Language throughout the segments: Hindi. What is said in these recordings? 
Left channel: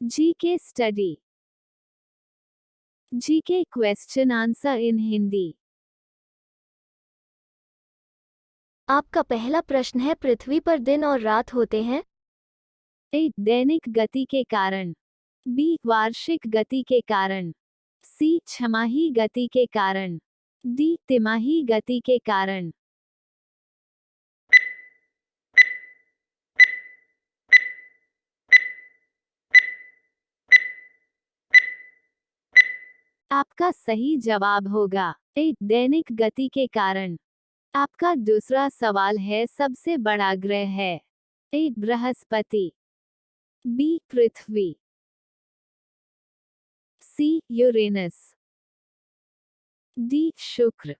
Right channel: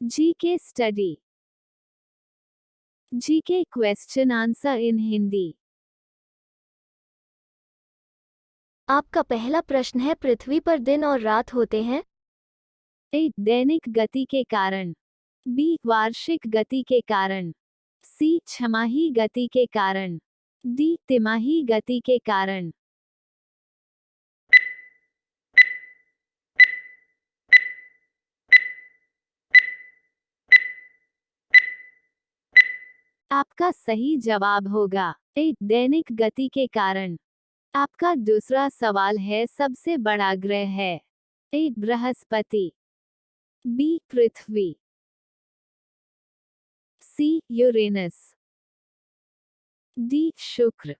GK study. GK question answer in Hindi. आपका पहला प्रश्न है, पृथ्वी पर दिन और रात होते हैं? ए दैनिक गति के कारण, बी वार्षिक गति के कारण, सी छमाही गति के कारण, डी तिमाही गति के कारण। आपका सही जवाब होगा ए दैनिक गति के कारण। आपका दूसरा सवाल है, सबसे बड़ा ग्रह है ए बृहस्पति, बी पृथ्वी, सी यूरेनस, डी शुक्र।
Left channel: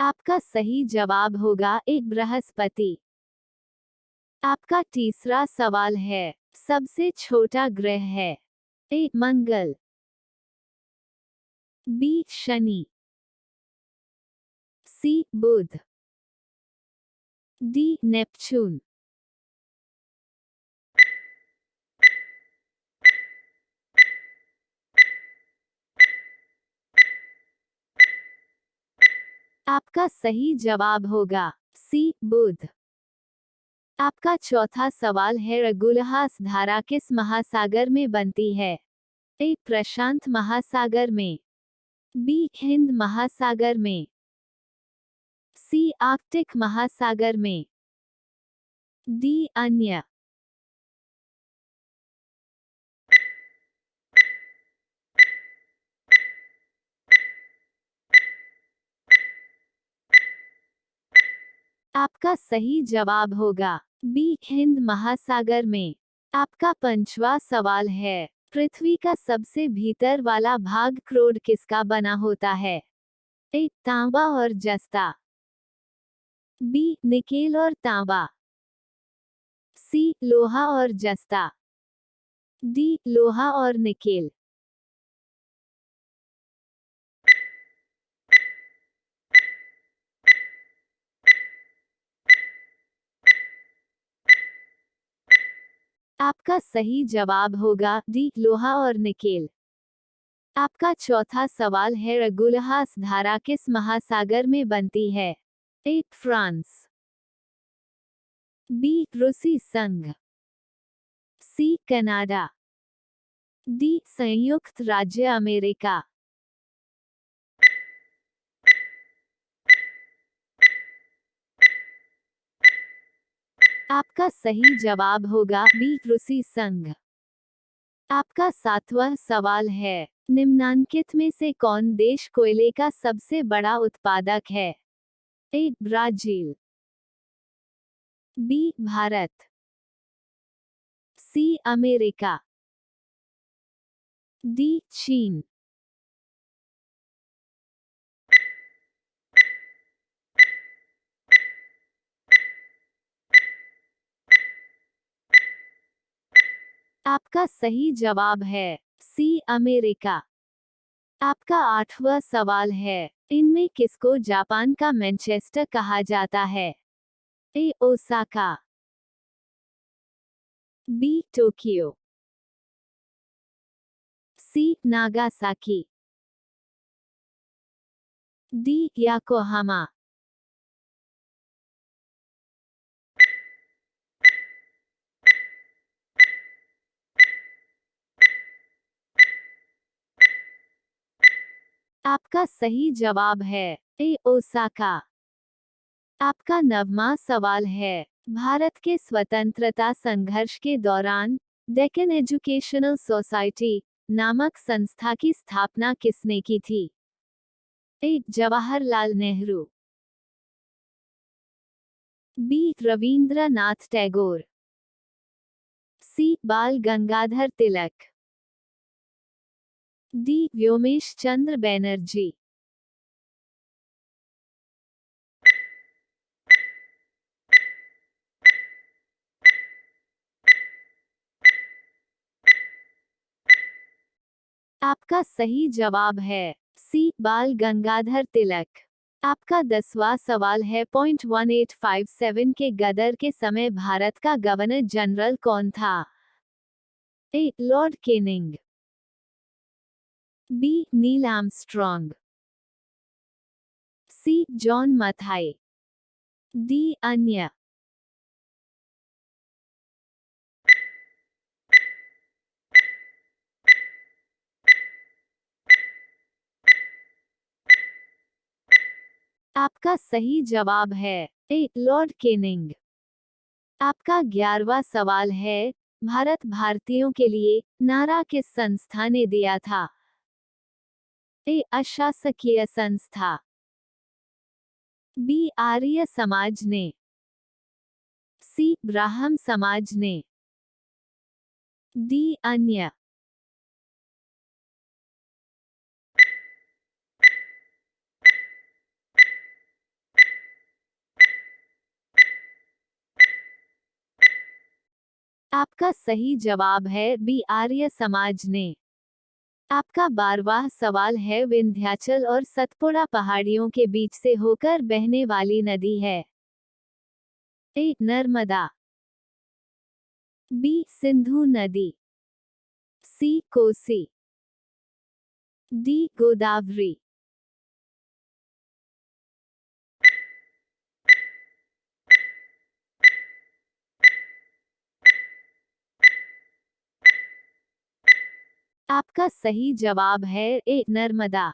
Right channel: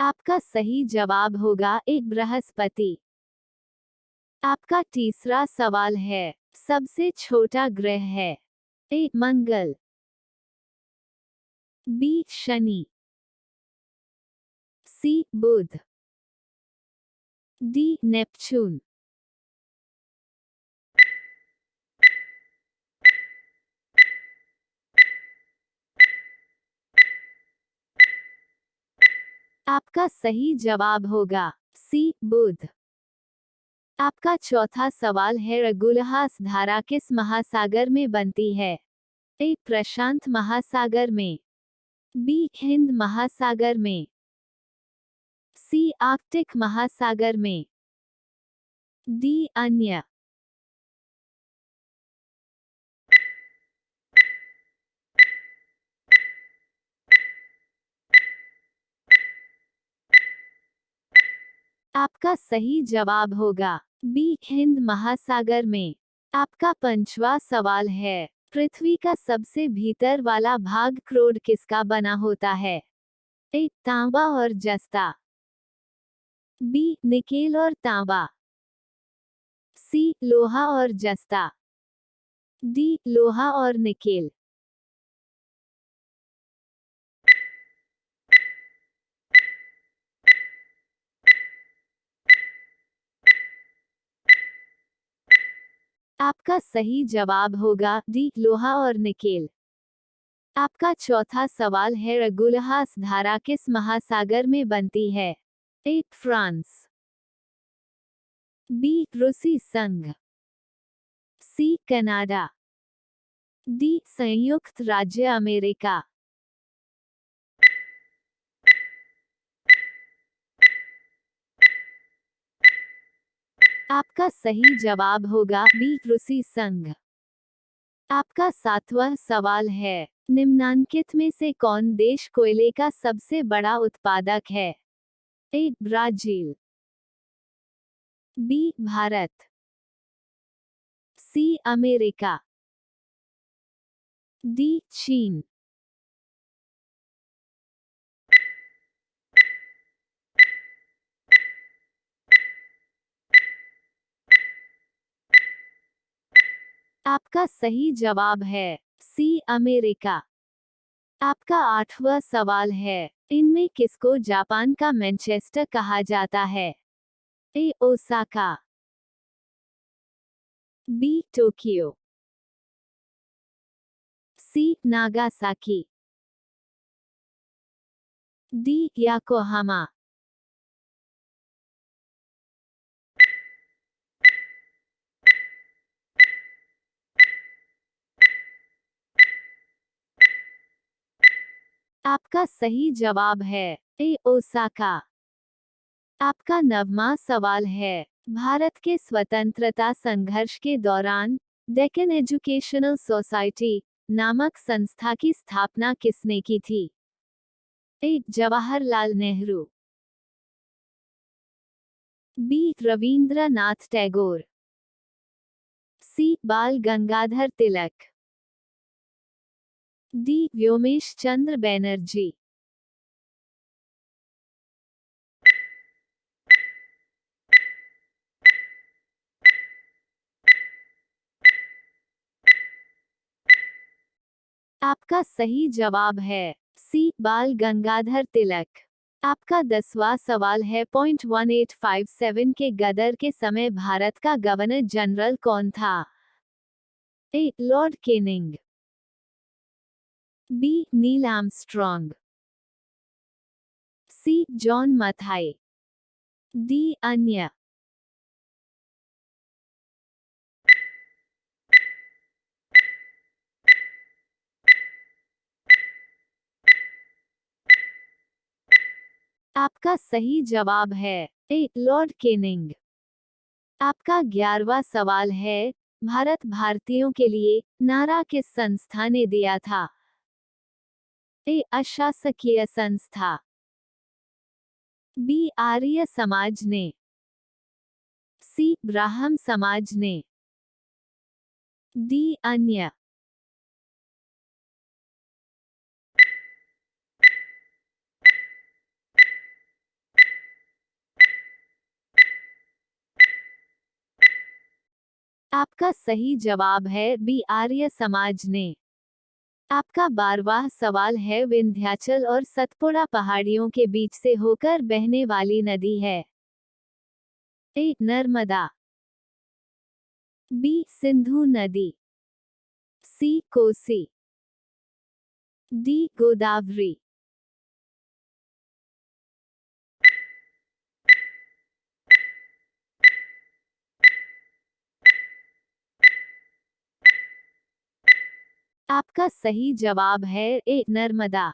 आपका सही जवाब होगा ए बृहस्पति। आपका तीसरा सवाल है, सबसे छोटा ग्रह है ए मंगल, बी शनि, सी बुध, डी नेपच्यून। आपका सही जवाब होगा सी बुध। आपका चौथा सवाल है, रगुलहास धारा किस महासागर में बनती है ए प्रशांत महासागर में, बी हिंद महासागर में, सी आर्कटिक महासागर में, डी अन्य। आपका सही जवाब होगा बी हिंद महासागर में। आपका पांचवा सवाल है, पृथ्वी का सबसे भीतर वाला भाग क्रोड किसका बना होता है ए तांबा और जस्ता, बी निकेल और तांबा, सी लोहा और जस्ता, डी लोहा और निकेल। आपका सही जवाब होगा डी लोहा और निकेल। आपका चौथा सवाल है, रगुलहास धारा किस महासागर में बनती है ए फ्रांस, बी रूसी संघ, सी कनाडा, डी संयुक्त राज्य अमेरिका। आपका सही जवाब होगा बी रूसी संघ। आपका सातवां सवाल है, निम्नांकित में से कौन देश कोयले का सबसे बड़ा उत्पादक है A Brazil, B Bharat, C America, D चीन। आपका सही जवाब है सी अमेरिका। आपका आठवां सवाल है, इनमें किसको जापान का मैनचेस्टर कहा जाता है ए ओसाका, बी टोक्यो, सी नागासाकी, डी याकोहामा। आपका सही जवाब है ए ओसाका। आपका नववां सवाल है, भारत के स्वतंत्रता संघर्ष के दौरान डेक्कन एजुकेशनल सोसाइटी नामक संस्था की स्थापना किसने की थी ए जवाहरलाल नेहरू, बी रवींद्रनाथ टैगोर, सी बाल गंगाधर तिलक, डी व्योमेश चंद्र बैनर्जी। आपका सही जवाब है सी बाल गंगाधर तिलक। आपका 10वां सवाल है। 1857 के गदर के समय भारत का गवर्नर जनरल कौन था? A lord Canning, B Neil Armstrong, C John Mathai, D अन्य। आपका सही जवाब है ए लॉर्ड केनिंग। आपका 11वां सवाल है। भारत भारतीयों के लिए नारा किस संस्था ने दिया था? ए अशासकीय संस्था, बी आर्य समाज ने, सी ब्राह्म समाज ने, डी अन्य। आपका सही जवाब है बी आर्य समाज ने। आपका 12वां सवाल है। विंध्याचल और सतपुड़ा पहाड़ियों के बीच से होकर बहने वाली नदी है? ए नर्मदा, बी सिंधु नदी, सी कोसी, डी गोदावरी। आपका सही जवाब है ए नर्मदा।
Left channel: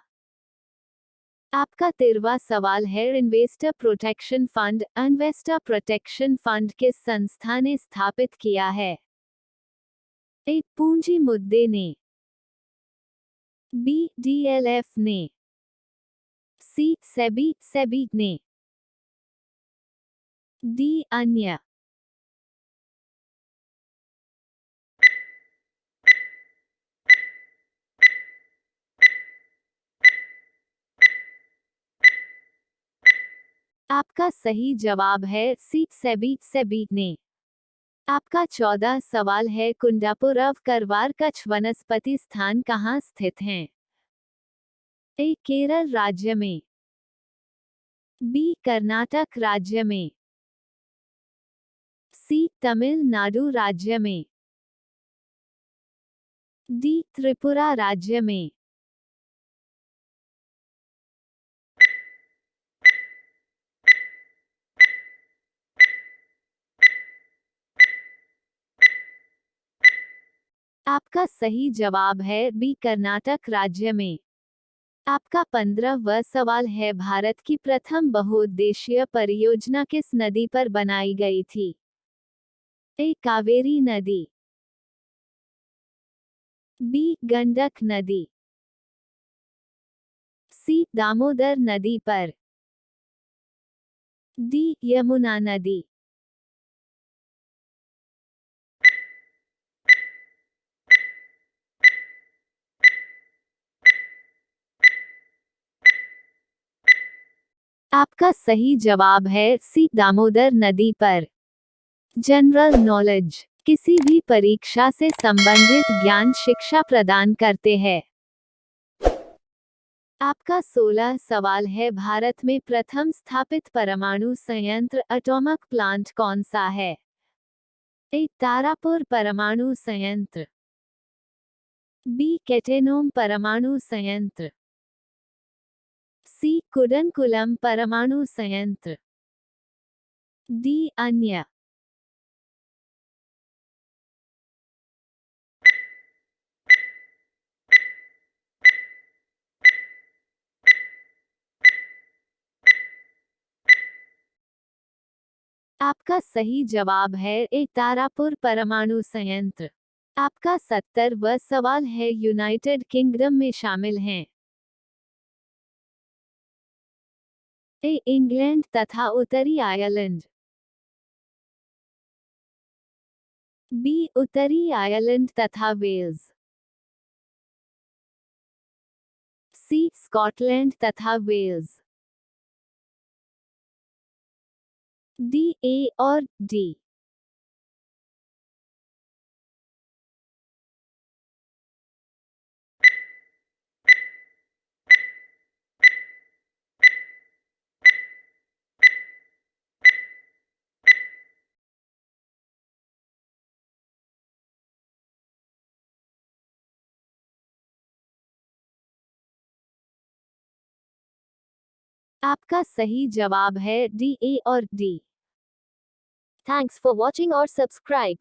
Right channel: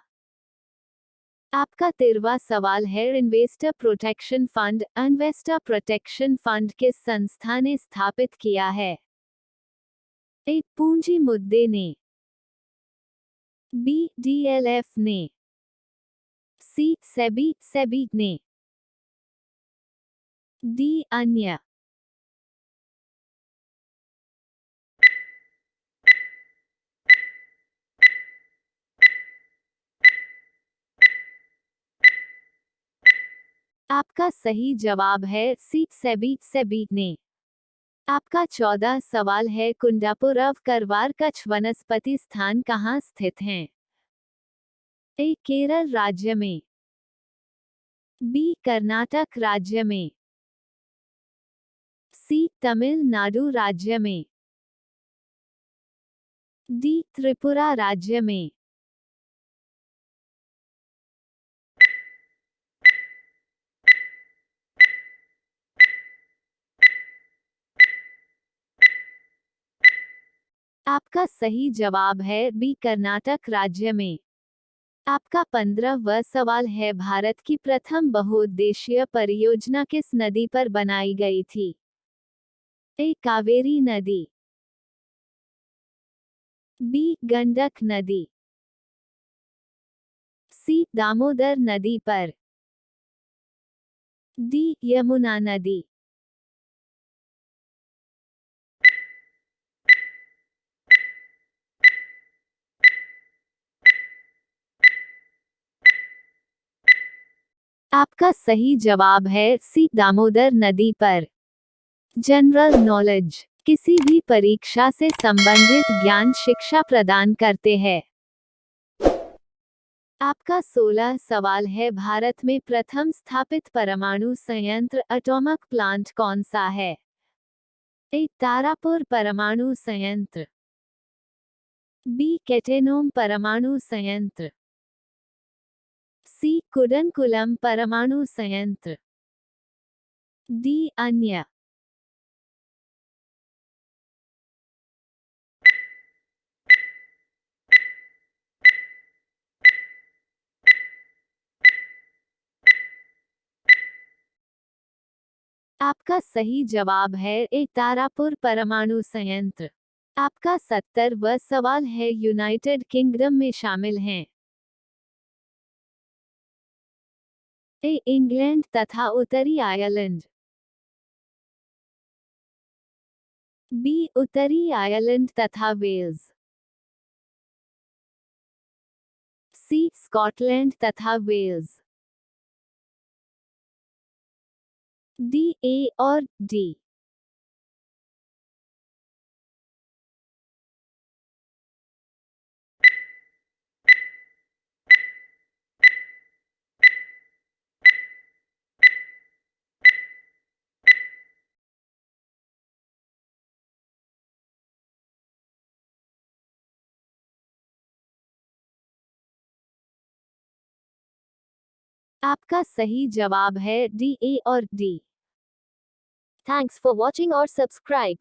आपका 13वां सवाल है। Investor protection fund investor protection fund किस संस्था ने स्थापित किया है? ए पूंजी मुद्दे ने, बी डीएलएफ ने, सी सेबी सेबी ने, डी अन्य। आपका सही जवाब है सी सेबी सेबी ने। आपका 14 सवाल है। कुंडापुर अव करवार कच्छ वनस्पति स्थान कहाँ स्थित हैं? ए केरल राज्य में, बी कर्नाटक राज्य में, सी तमिलनाडु राज्य में, डी त्रिपुरा राज्य में। आपका सही जवाब है बी कर्नाटक राज्य में। आपका 15वां सवाल है। भारत की प्रथम बहुउद्देशीय परियोजना किस नदी पर बनाई गई थी? ए कावेरी नदी, बी गंडक नदी, सी दामोदर नदी पर, डी यमुना नदी। आपका सही जवाब है सी दामोदर नदी पर। जनरल नॉलेज किसी भी परीक्षा से संबंधित ज्ञान शिक्षा प्रदान करते हैं। आपका 16 सवाल है। भारत में प्रथम स्थापित परमाणु संयंत्र एटॉमिक प्लांट कौन सा है? ए तारापुर परमाणु संयंत्र, बी केटेनोम परमाणु संयंत्र, सी कुडनकुलम परमाणु संयंत्र, डी अन्य। आपका सही जवाब है ए तारापुर परमाणु संयंत्र। आपका 70वां सवाल है। यूनाइटेड किंगडम में शामिल हैं ए इंग्लैंड तथा उत्तरी आयरलैंड, बी उत्तरी आयरलैंड तथा वेल्स, सी स्कॉटलैंड तथा वेल्स, डी ए और डी। आपका सही जवाब है डी, ए और डी। थैंक्स फॉर वॉचिंग और सब्सक्राइब।